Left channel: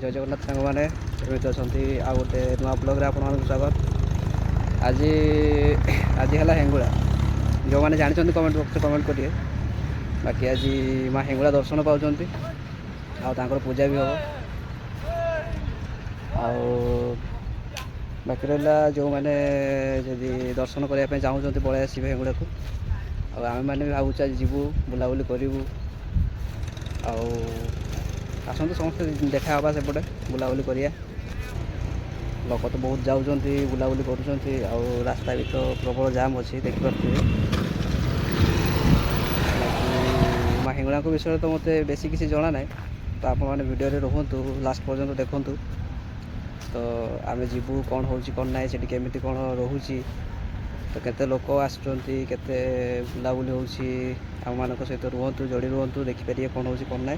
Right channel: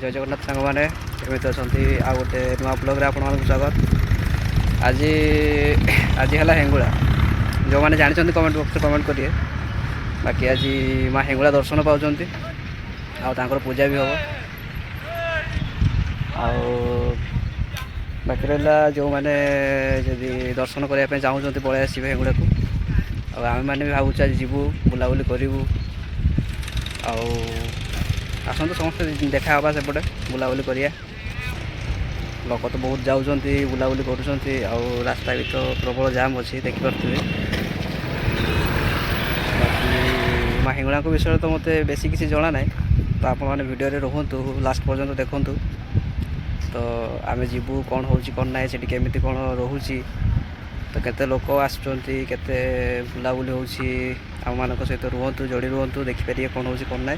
जय जगन्नाथ सांग मैंने केमी अच्छा आ गोटे नुआ ब्लॉग रे आपण स्वागत। आज आज है हेंगुला जो मैंने जानी कमेंट बॉक्स कमेंट करिए। बाकी आज माँ हेंगुला दर्शन पाँच आर पूजा भी हम बाकी रहा जो मैंने जदि दर्शन करने चाहूँ पलि आसवे हेंगुला को आम मैंने भी भावुँ आज जीवु बुलाबुली करूँ आसतु समस्त देखा हाँ सेपटे बुलाबुली करिया। लोक तो बहुत जाऊँच बुलाबुली कर रास्ता भी तो प्रबल जाम अच्छी देखिपे। बाकी माँ हिंगुला विषय तो मत बेसी किसी जना ना तो आप मैंने वीडियो रे रुहतु लास्ट पर्यंत देखु। तो आम जीवु कौन हो कौन ना से केमी कौन रोचे तो केते लोक आसुँच केते बुलाबुली होम मान सहित रुहतु जोड़ी रुहतु देखिपारे कौन हो कौन ना।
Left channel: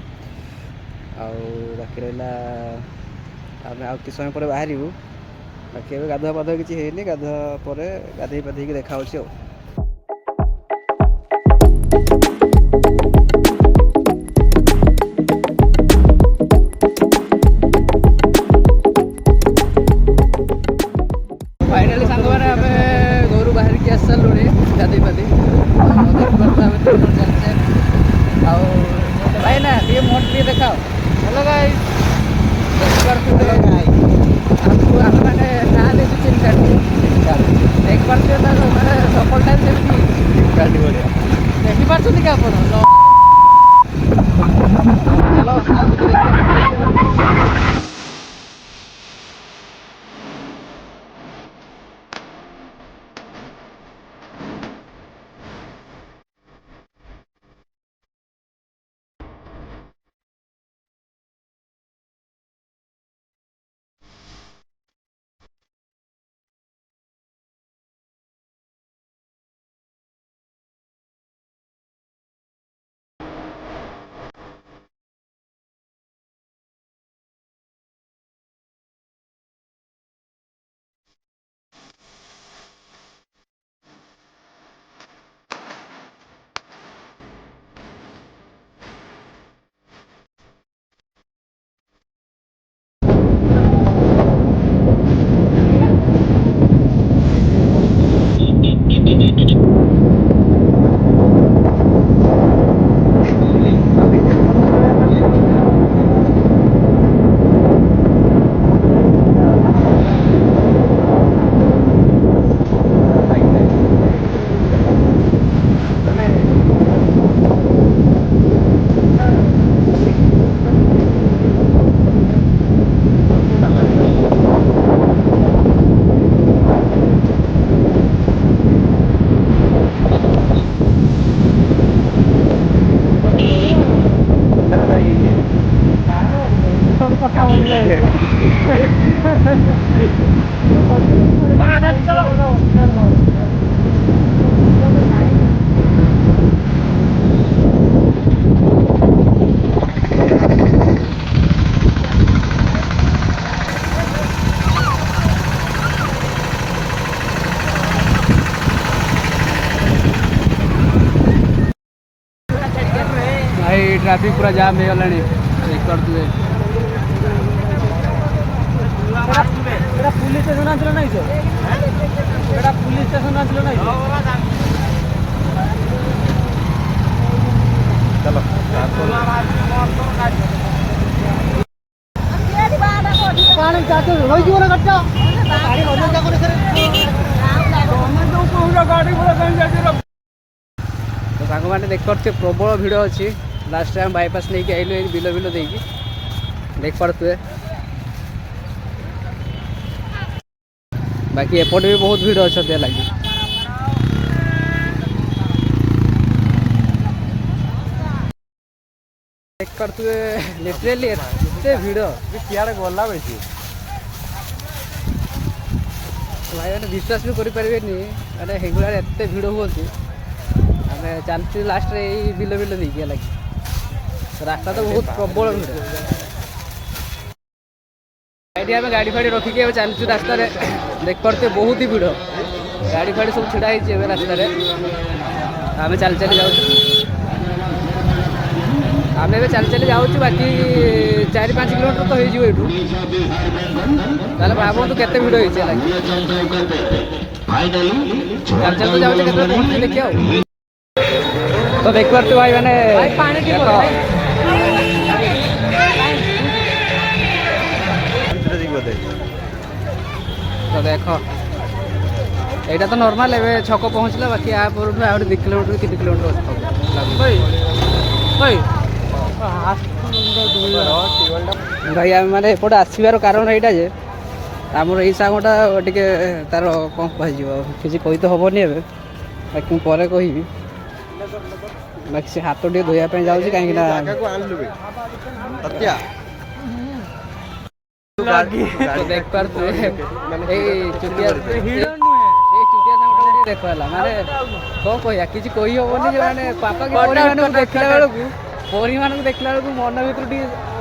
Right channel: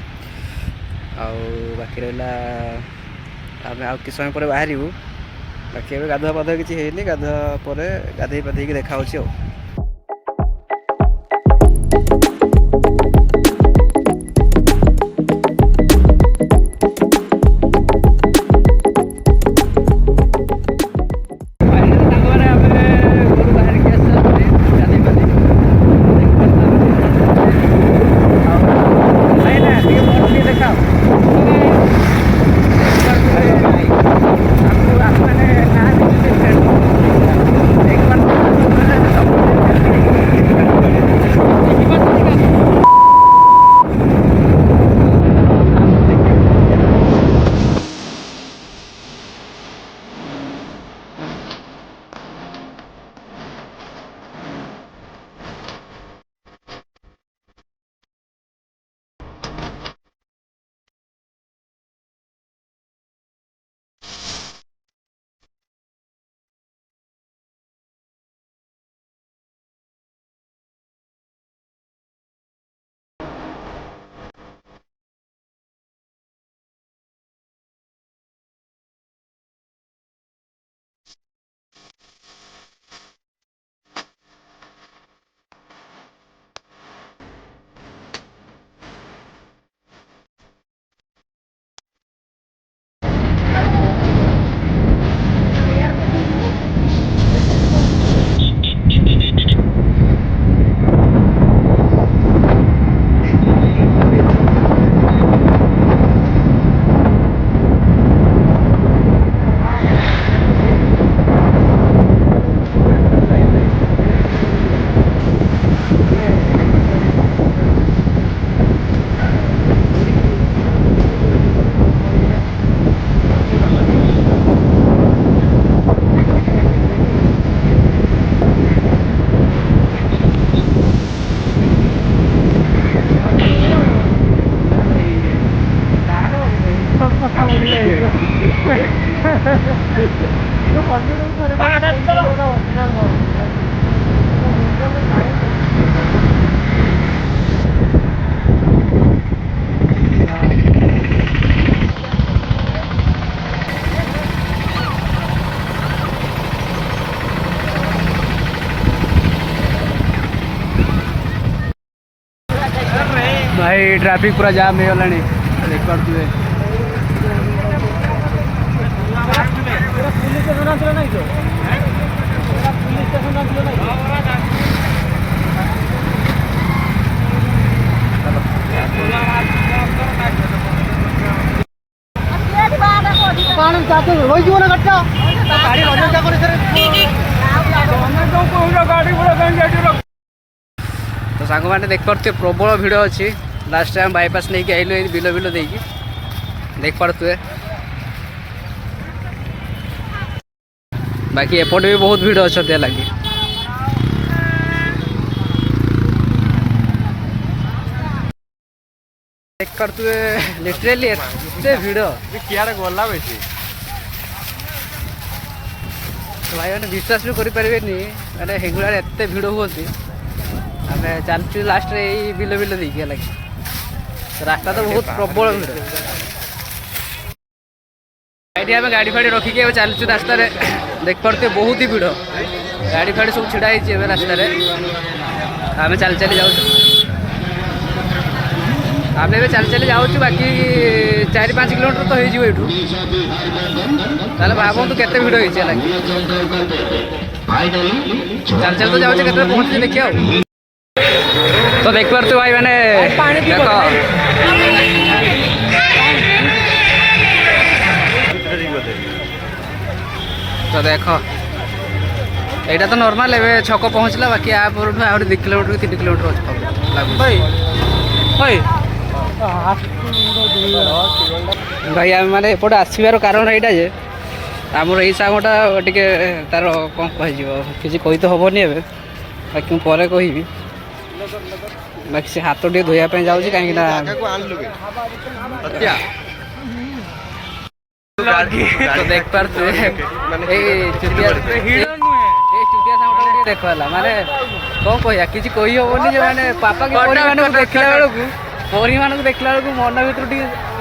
बाकी रहा आम आ कि समय पर बाहर बाकी ए गाधुआ पाधुआ किसी है गाधुआ पर गाधे पाधे देखा। फाइनाल सांग मैंने आम घर बाहर की आस सारे गाधे पाधे भाई ना ये मन नहीं देखा देखिपे आप मैंने ना देखते देखिपे भाई ट्रैफिक पूरा जाम हो गला देख पारे। पुलिस स्टेशन आसलो ना पुलिस स्टेशन आसलो ना चलो तो सांग मैंने देख पारे प्रबल भिड़ अच्छी। लास्ट टाइम बाईपास नहीं आइलु बिल बिल देख पारे। बाकी एपटे भी बहुत भिड़ अच्छा लगे देख पारे लिटरेली एते भिड़ कियार गला बेसी भाई मैंने विश्वास भी करें मैंने हेंगुला एते भिड़ हुई आम चलती लास्ट रे बिल बिल देखिए लगे रास्ता तो बहुत प्रबल भिड़ आम गाड़ी फाड़ी रखिकी चलचु रास्ता देख पारे बहुत ही भिड़ गाड़ी फाड़ी सब छिड़ा रास्ता आम चल चली जाऊँ। आम ए चली चली जाऊँ बाकी 4-5 किलोमीटर तो हो ये भावतु के भिड़ हो चल चल तो जाऊँ के पहुँचे देखिए तो देख पार्थ भाई मैंने देख तो देख यहाँ तो नॉर्मल एवं छक पहुँचला बाकी आप 2 किलोमीटर 3 किलोमीटर अच्छे भाई आम मैंने एपटे आसबार कारण यहाँ जे आमर यही सांगटा टे तार कौन कह किसी कही तो हेनी ए बाकी मुझे कह बाकी से हाथ टे धोयापी जाऊँगी कहीं तो देख पार्थे चुतिया देखला माने कौन कह किसी कही हेनी जो मैंने पापा के देखला बेलू परी मान देखला बेलू मन भर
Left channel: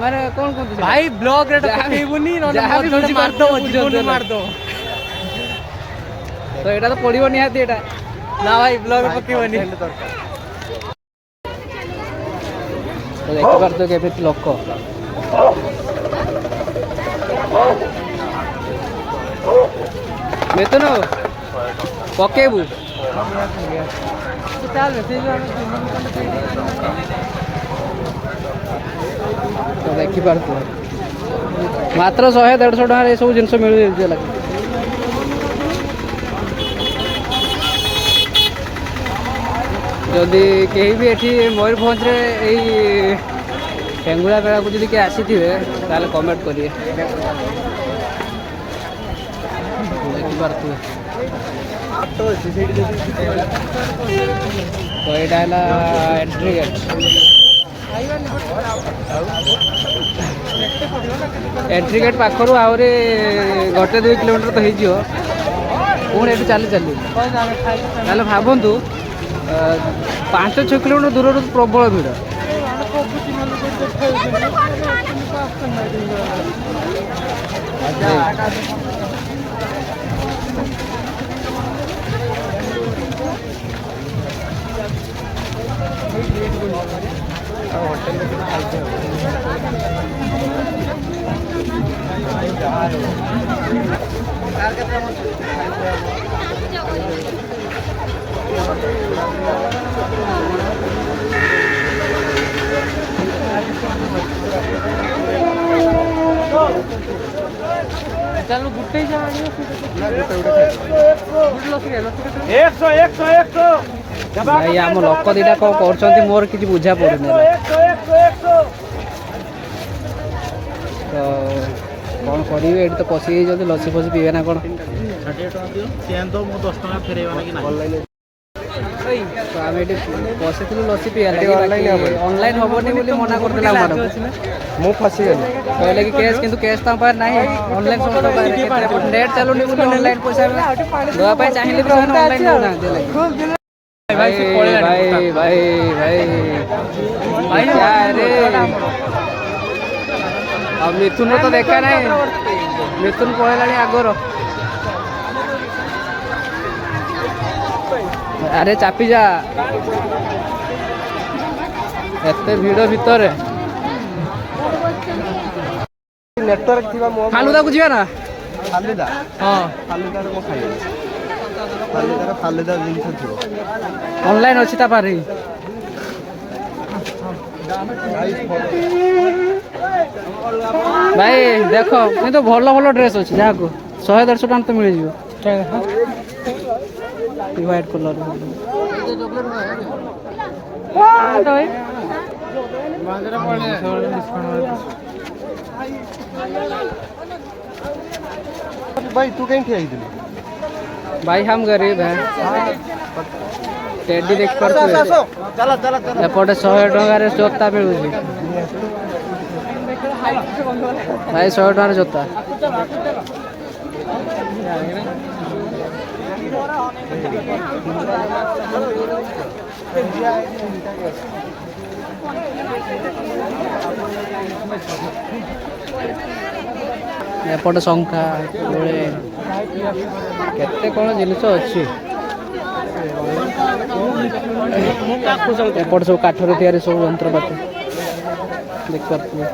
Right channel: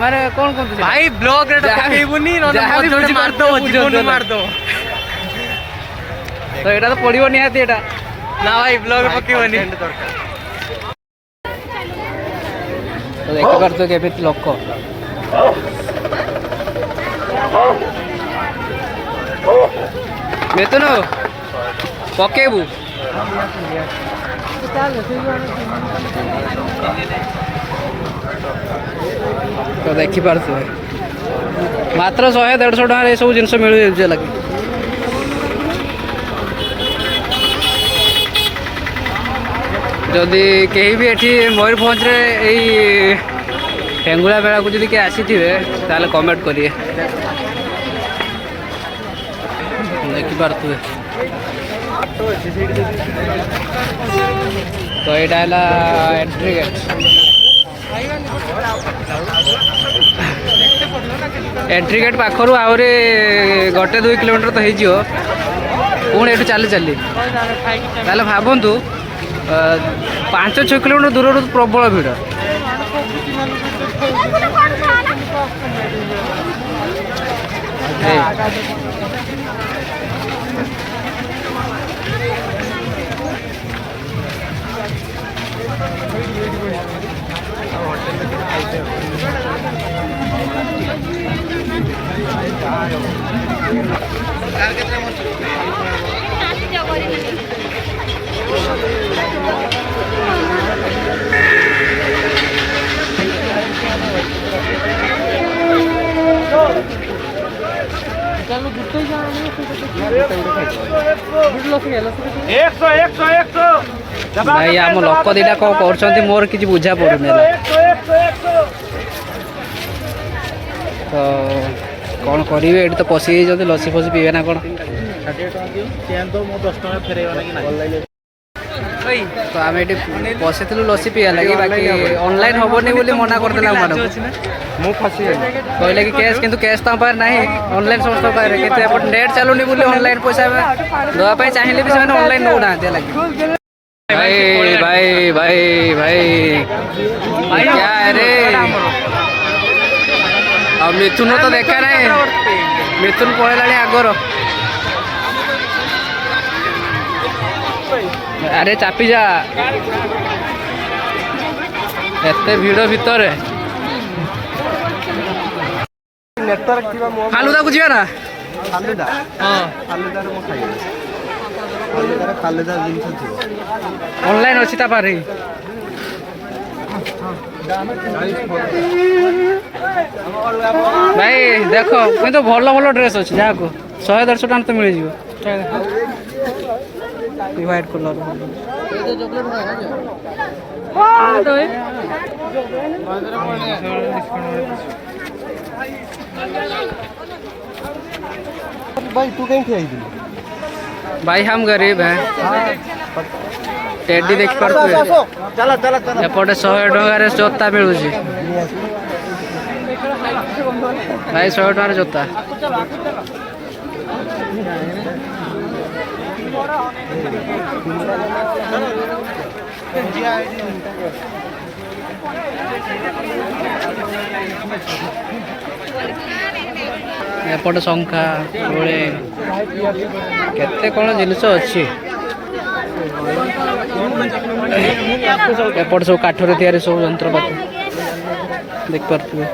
माने कौन कहते भाई ब्लॉग मारदो तो यहाँ तो पड़ो निहाती ना भाई ब्लॉग पकेबनी तो देख पार्थ के लोक मिथुन पकेबू तो देखी पार्थ मात्र 100-150 टଙ୍କା ये सब जिनस मिल लगे जदि कहीं भी ये मयूरभंज हेंगुला मेला को जब किए आसी ताले कमेंट करिए देखी पार्थे तो यहाँ है एंट्री गेट एंट्री गेट पाखर आहरी 1-2 किलोमीटर तो हो पुणी ये चली चली ताले भावतु 5-6 किलोमीटर दूर प्रबल भिड़ भाई आम लोक दीटा कौन कर मोर कि बुझा पड़ूनी तो कौन करेंगे ये तो पशि लसी फसी पीवे ना कौन तो आम ये बसी लसी पीवा लगे बाकी ऑनलाइन हेनी बोली मना करदेला कहले कि कैश किंतु कैश तो पार ना ऑनलाइन समस्त नेट चलुनी बोली ऑनलाइन पैसा दवाई चाहिए भी ऑनलाइन नौ ना लगे भाई भाई भाई भाई भाई क्या है रे अब मिथुन तो देखा ना मिथुन पड़ेगा आगर अरे चापी जा एते भिड़ भितर फालुदा को जीवा ना ऑनलाइन अच्छी पारे भाई देख कि तो भल भल ड्रेस अच्छे जहाँ को 100-150 टଙ୍କା तो मिल जाए व्हाइट कलर भाई तू कहीं खेल भाई हम गरीब हैं टेडी देख पार्थे एपटे 100 टଙ୍କା जोता मिलूँ भाई 100 टଙ୍କା जोता एपटे शंखा गोले केते कौन जिनस अच्छी एपटे सब काठर तैयारी सब यंत्रपाति देख पार्थे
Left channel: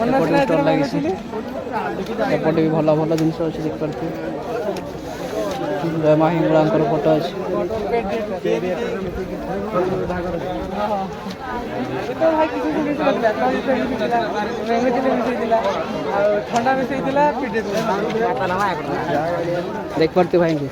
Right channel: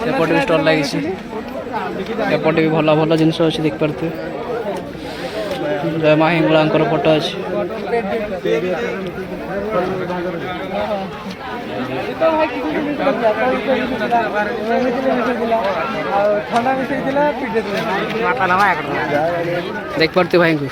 सेपटे भी स्टल लगी एपटे भी भल भल जिन अच्छे देख पार्थे जय माँ हिंगुला फोटो अच्छे देख पार्थे भाई को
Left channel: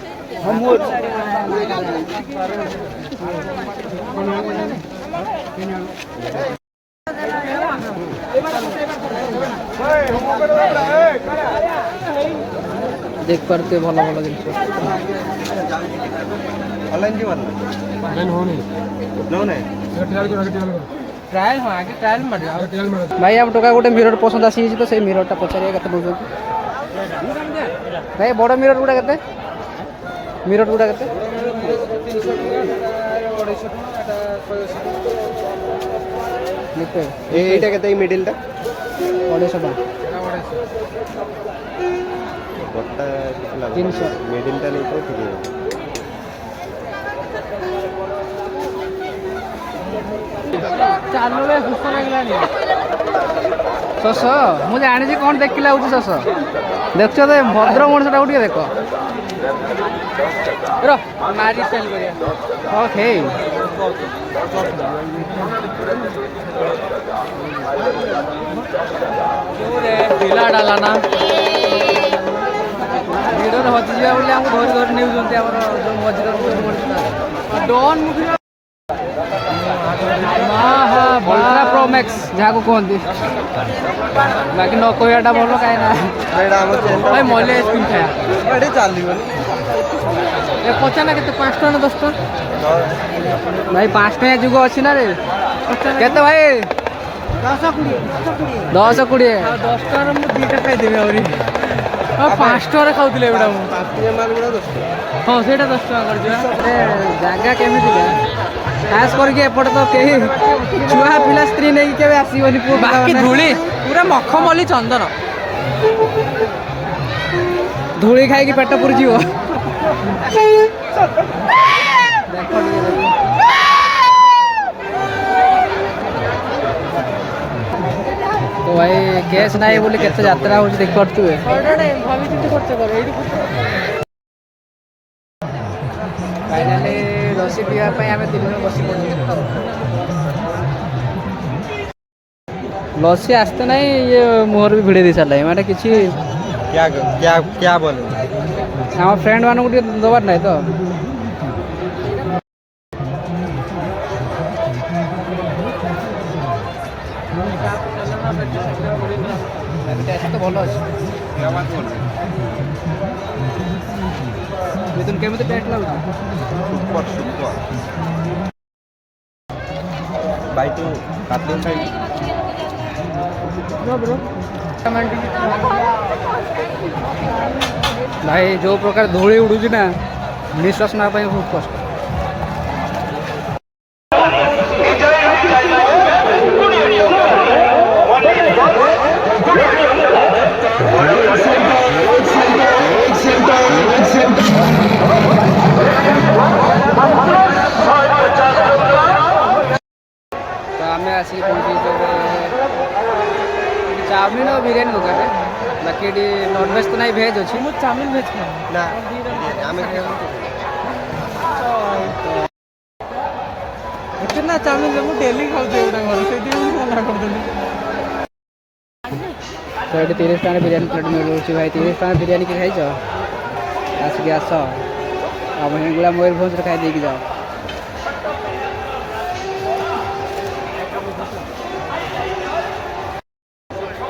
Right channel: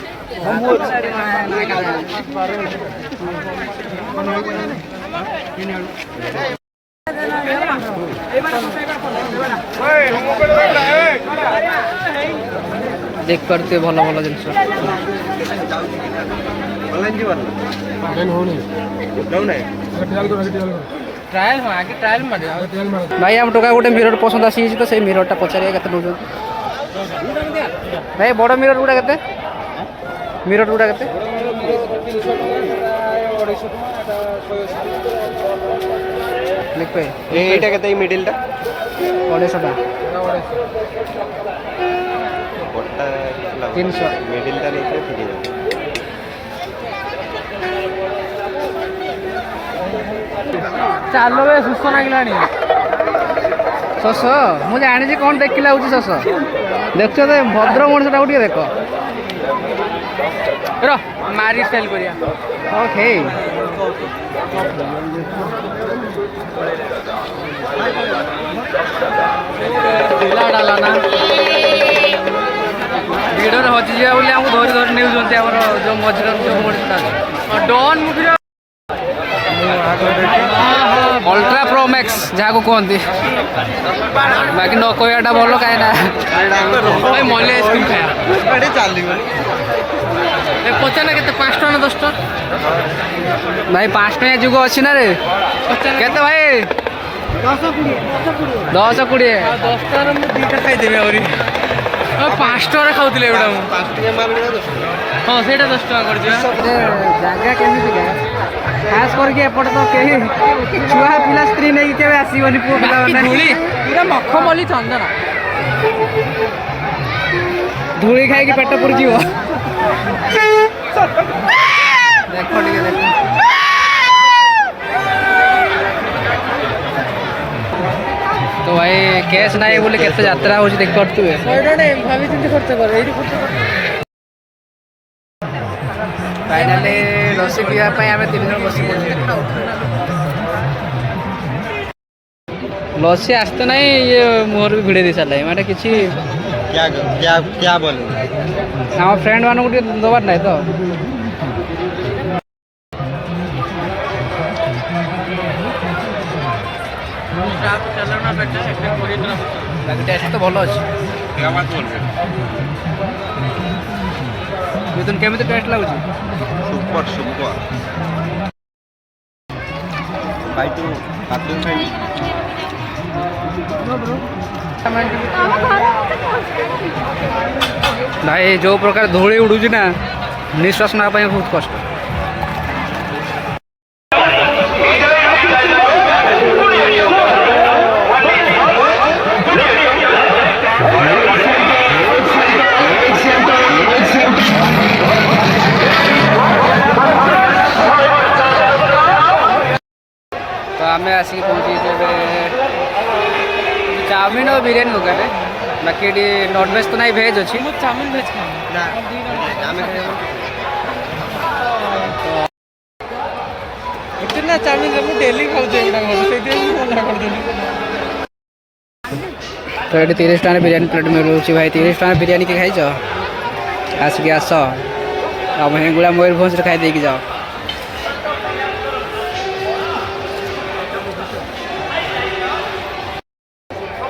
देख पार्थे भल भल जिन भाई आम टोका गोटे मिरर पसंद आसी तो से मिररटा पचारे के नौ भाई बड़ मिरर गुड़ा के मिरर गुड़ा के এইটা কত এই মিডলটা 250 বড়টা 300 মিডলটা নিতে ঠিক আছে ଚାଲ ବେ ସୁସ୍ଥ ଲାଗିଲାଣି ଶଶ ମୁଁ ଜାଣିଛି କ'ଣ ଦେଖିଲା ହଉଛି ଶଶ ଦେଖୁଛ ତ ଭଦ୍ର ମଣିଷଟାକୁ ଟିକେ ଦେଖ ମାରି ସେଲ୍ କରିବା ଓକେ ଡାଲା ନା ଭିଡ଼ିଓରେ ହଜିଯିବା ବୋଲି ଆମକୁ ଧରି ଧରି ନେଉଛନ୍ତି ଆମର ଯେଉଁ ମଝିରେ ଯେଉଁ ମଣିଷଟା ଡନ୍ ମୁଭିର अल्ट्रा प्रो मैक्स जहाँ को कहते बाकी न कहटा भल कहीं भाई मल्ले आइसक्रीम खाया पचारा के 5 टका ना 10 टका भाई 5 टका जुग अच्छी ना रे के भाई 10 20 10 टका दुटा खाईदेवी आहरी 5 टका खाऊे एटा हाँ से 10 टका कर जगह केमिका खास करके एपटे तो कहीं छुआ पिला स्त्री नहीं के आसबनी पुओ पिला पूरा मखमली चंदन धूली खाई पेट पुरी जीव देख देख तो भाई कैश ना बोले केते यात्रा हो देख पारे फाइनाली लसी पीवाई आम 3 जन बस लसी आसते ना ये मुहर भी भिड़े दी सारे मैंने किसी क्या क्या क्या बोले आम फ्रेंड मानक दबार ना तो टेस्ट तो भल अच्छे मिथुन केमी टेस्ट लगुच सुपर सुपर भाई तू बाथरूम खाई भाई जो प्रकार धूली उड़ूची ना निश्वास ना बहुत कष्ट तो आम आसिक पहुँची चाउमिन और बिरियानी दुकान बाकी ये नॉनवेज तो नहीं भेज अच्छी चाउमिन भेज इतना चाउमिन डेली खाऊँ तो ये 30 टका बिरियानी प्लेट मिलूँ भाई 30 टका बिरियानी के खाइच आसिक आस आम हेंगुड़ा मयूरभंज खाई देकी जाओ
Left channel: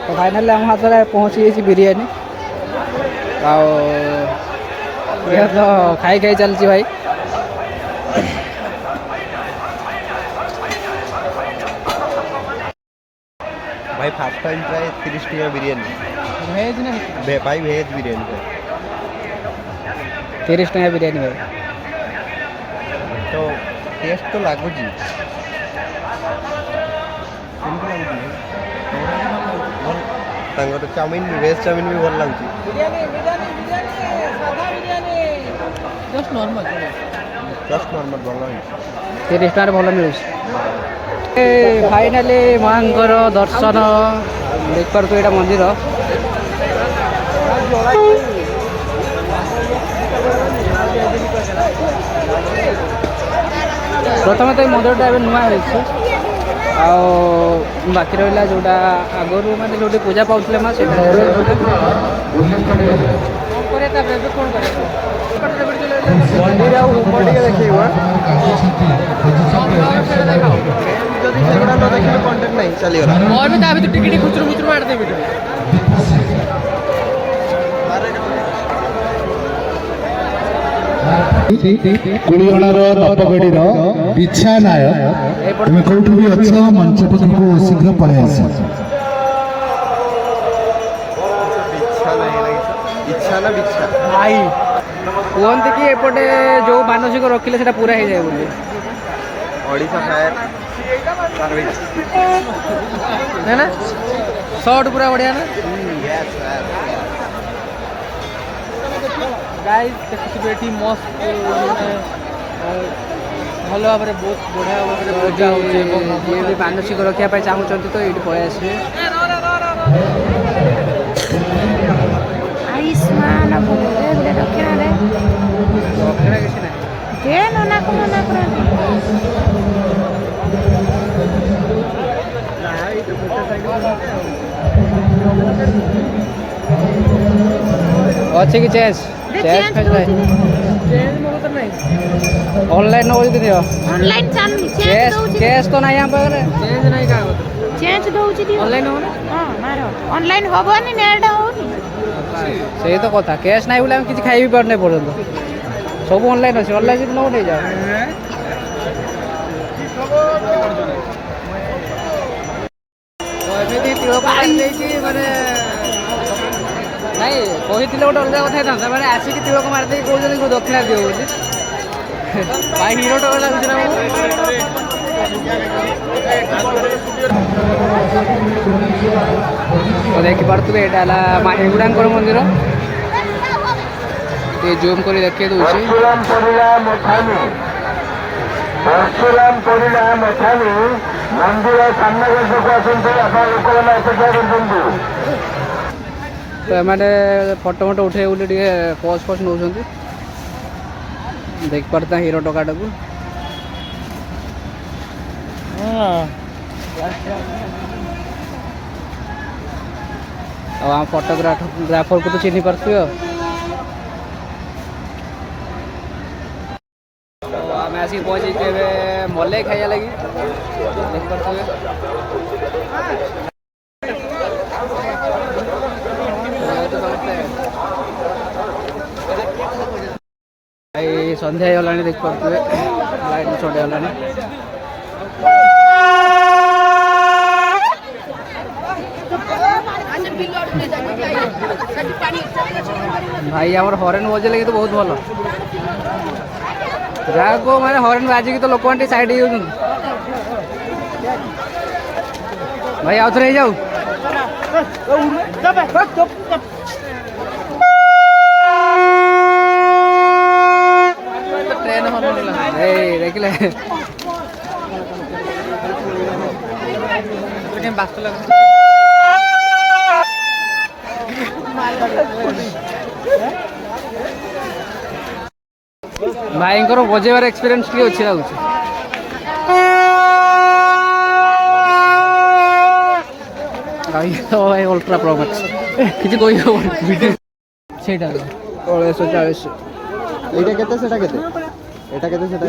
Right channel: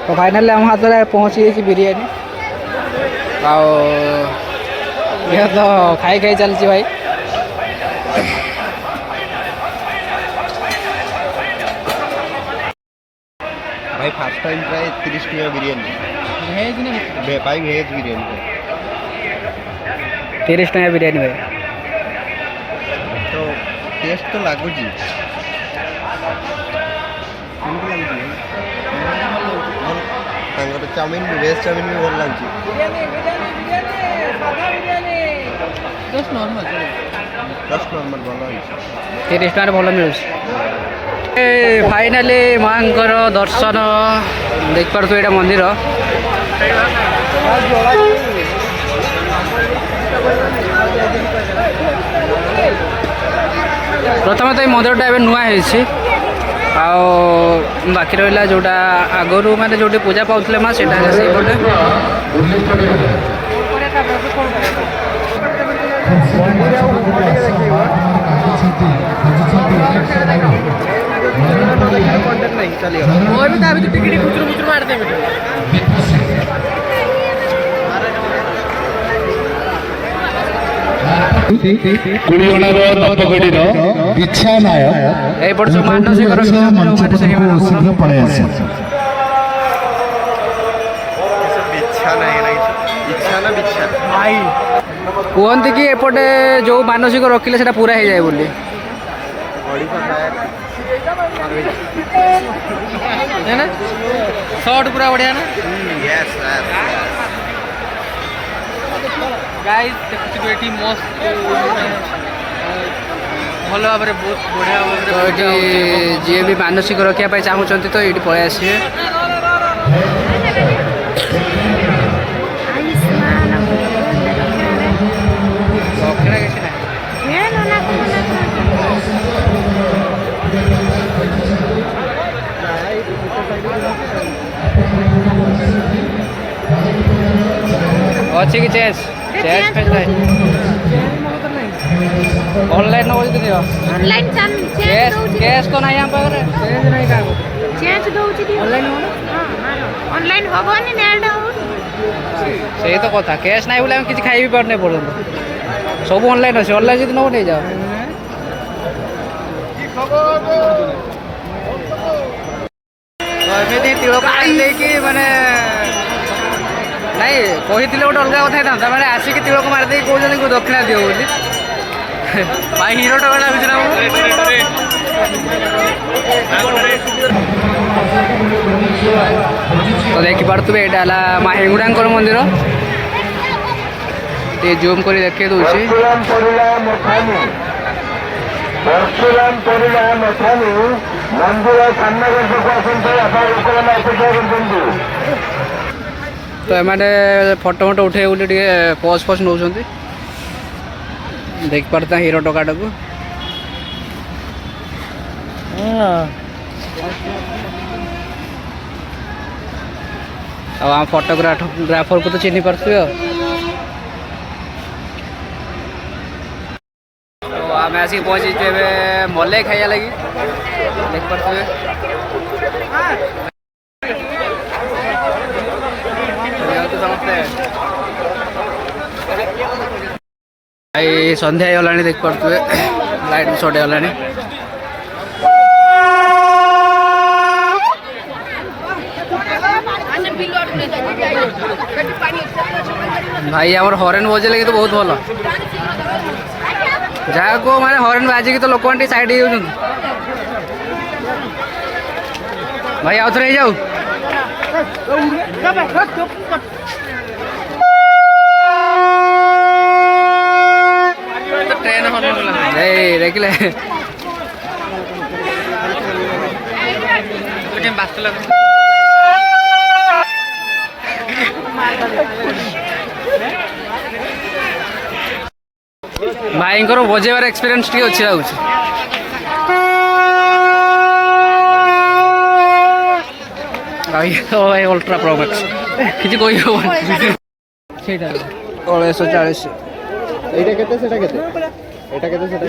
तो फाइनल हम हाथ में पहुँची गई बिरियानी ये तो खाई खाई चलती भाई भाई फर्स्ट टाइम प्राय 30 टका बिरियानी भेज ना भाई भेज बिरियानी 30 टका बिरियानी भाई तो टेस्ट तो लगुच चाउमिन भेज चाउमिन भी भल लगे ଜଷ୍ଟ ନର୍ମାଲ ଭଲ ହେଇଛି। 30 ଟଙ୍କାରେ ଭଲ ମିଳୁଛି। ଏ ଫାଇନାଲି ମାଙ୍କର ଦର୍ଶନ ଦେଖିପାରୁଥିବେ ଏଇଟା ମନ୍ଦିର। ପ୍ରଥମେ ତ ଏଇ ମନ୍ଦିରଟା ଏବେ ନୂଆ ହେଇଛି, ଆଉ ବାକି ରହିଲା ଯେଉଁଟା ଆଗରୁ ମାନେ ଯେଉଁଠି ପୂଜା ପାଉଥିଲେ ମା ସେଇଟା ହେଲା ସେଇପଟେ। କୁଳିଅଣାର ଦତ୍ତଗଡ଼ିର ବିଛା ନାୟ ଲୋକଙ୍କୁ ଗଛ ମଞ୍ଚ ପଛକୁ ଶୀଘ୍ର ପଳାଇ ଆସେ। କୁହନ୍ତି କି ଏପଟେ ଯେଉଁ ମାନସିକ ରଖିଲେ ସେଟା ପୁରା ହେଇଯାଏ ବୋଲି। ସର୍ଟ ପୁରା ବଢ଼ିଆ ନା ଗାଇସ୍, ଦେଖିଥିବେ ଏଠି ମସ୍ତ ଭଲ ଭାବରେ ବହୁତ ବଢ଼ିଆ ଭାବରେ ଏଠି ଯିଏ ବି ମାନସିକ ରଖିବା ପାଇଁ ଚାହୁଁଛନ୍ତି ତ ଏଇଠି ପଳାଇ ଆସିବେ। ଦକ୍ଷିଣା କିଛି ନାହିଁ। ଅଛି କି ଚେସ୍ ଫେସ୍ ନାହିଁ। ଅନଲାଇନ୍ ନେବ ଯଦି ଦିଅ। କ୍ୟାସ୍ ତ ନାହିଁ ଆମ ପାଖରେ। ଚେଞ୍ଜ ନାହିଁ କାହା କତିରେ। ଚେଞ୍ଜ ଦଉଛି ଦିଅ। ଅନଲାଇନ୍ ହେବ ନା? ଅନଲାଇନ୍ ହବନି, ନେଟ୍ ହଉନି। ସେଇ ତ କଥା, କ୍ୟାସ୍ ନାହିଁ ବୋଲି ଆମେ କିଛି ଖାଇ ବି ପାରୁନେ ପର୍ଯ୍ୟନ୍ତ। ସବୁ ଅନଲାଇନ୍ ଅଛି, ଅନଲାଇନ୍ ଯଦି ନେବ ନେଇଯାଅ। ତ ଏମିତି ତିଳକ ମାରି ଦେଇକି ମାନେ ନାଇଁ କହିଥିଲେ ଗୋଟେ ଅଲଗା କଥା ହେଇଥାନ୍ତା, ମାନେ ଆସିକି ତିଳକ ମାରିଦେଇକି କହୁଛନ୍ତି ଦକ୍ଷିଣା ଦିଅ ବୋଲି। ଭାଇ ହିରୋ ଟଙ୍କା ଲାଗୁଛି ନା ତ ଦେଖିପାରୁଥିବେ ଏଇଟା ହେଲା ମା ହେଙ୍ଗୁଡ଼ାଙ୍କର ମନ୍ଦିର। ଟିକେ ଜୁମ୍ କରି ଦେଖେଇ ଦେଉଛି। ତ ଏମାନେ ଫଟୋ ଉଠେଇ ବୋଲି ଟିକେ ପଜ୍ ଫଜ୍ ନେଉଛନ୍ତି। ଦେଖିପାରୁଥିବା ହିରୋ ଟୋକାଟାକୁ। ଆଉ ଆମ ଫଟୋଗ୍ରାଫରକୁ ତ ଚିହ୍ନି ପାରୁଥିବେ ଆଉ। ତ ଆମେ ଆସିକି ପହଞ୍ଚିଛୁ ଏବେ ମଲେଇ ଖାଇବା ଲାଗି। ଦେଖିପାରୁଥିବେ ସମସ୍ତେ। ଭାଇ ସନ୍ଧ୍ୟା ହେଇଗଲାଣି, ଦେଖିପାରୁଥିବେ ଲାଇଟ୍ ସର୍ଟ ହେଇଗଲାଣି। ଭାଇ ଆମର ହରେନ୍ ବଜେଇଲେ କିନ୍ତୁ ବହୁତ ଭଲ। ଯାହାକୁ ମାନେ ହରେନ୍ ବାଜିକି ତ ଲୋକମାନେ ଟିକେ ସାଇଡ୍ ହେଇଯାଉଛନ୍ତି। ଭାଇ ଆଉ ଥରେ ହେଇଯାଉ। ट्रेन देखिले भाई बजेबार एक्सपीरियंस टी अच्छी लगुच। भाई अल्ट्रा प्रो मैक्स किसी कोई 1640 এইটা কেতে সেটা কেতে এটা কেতে সেটা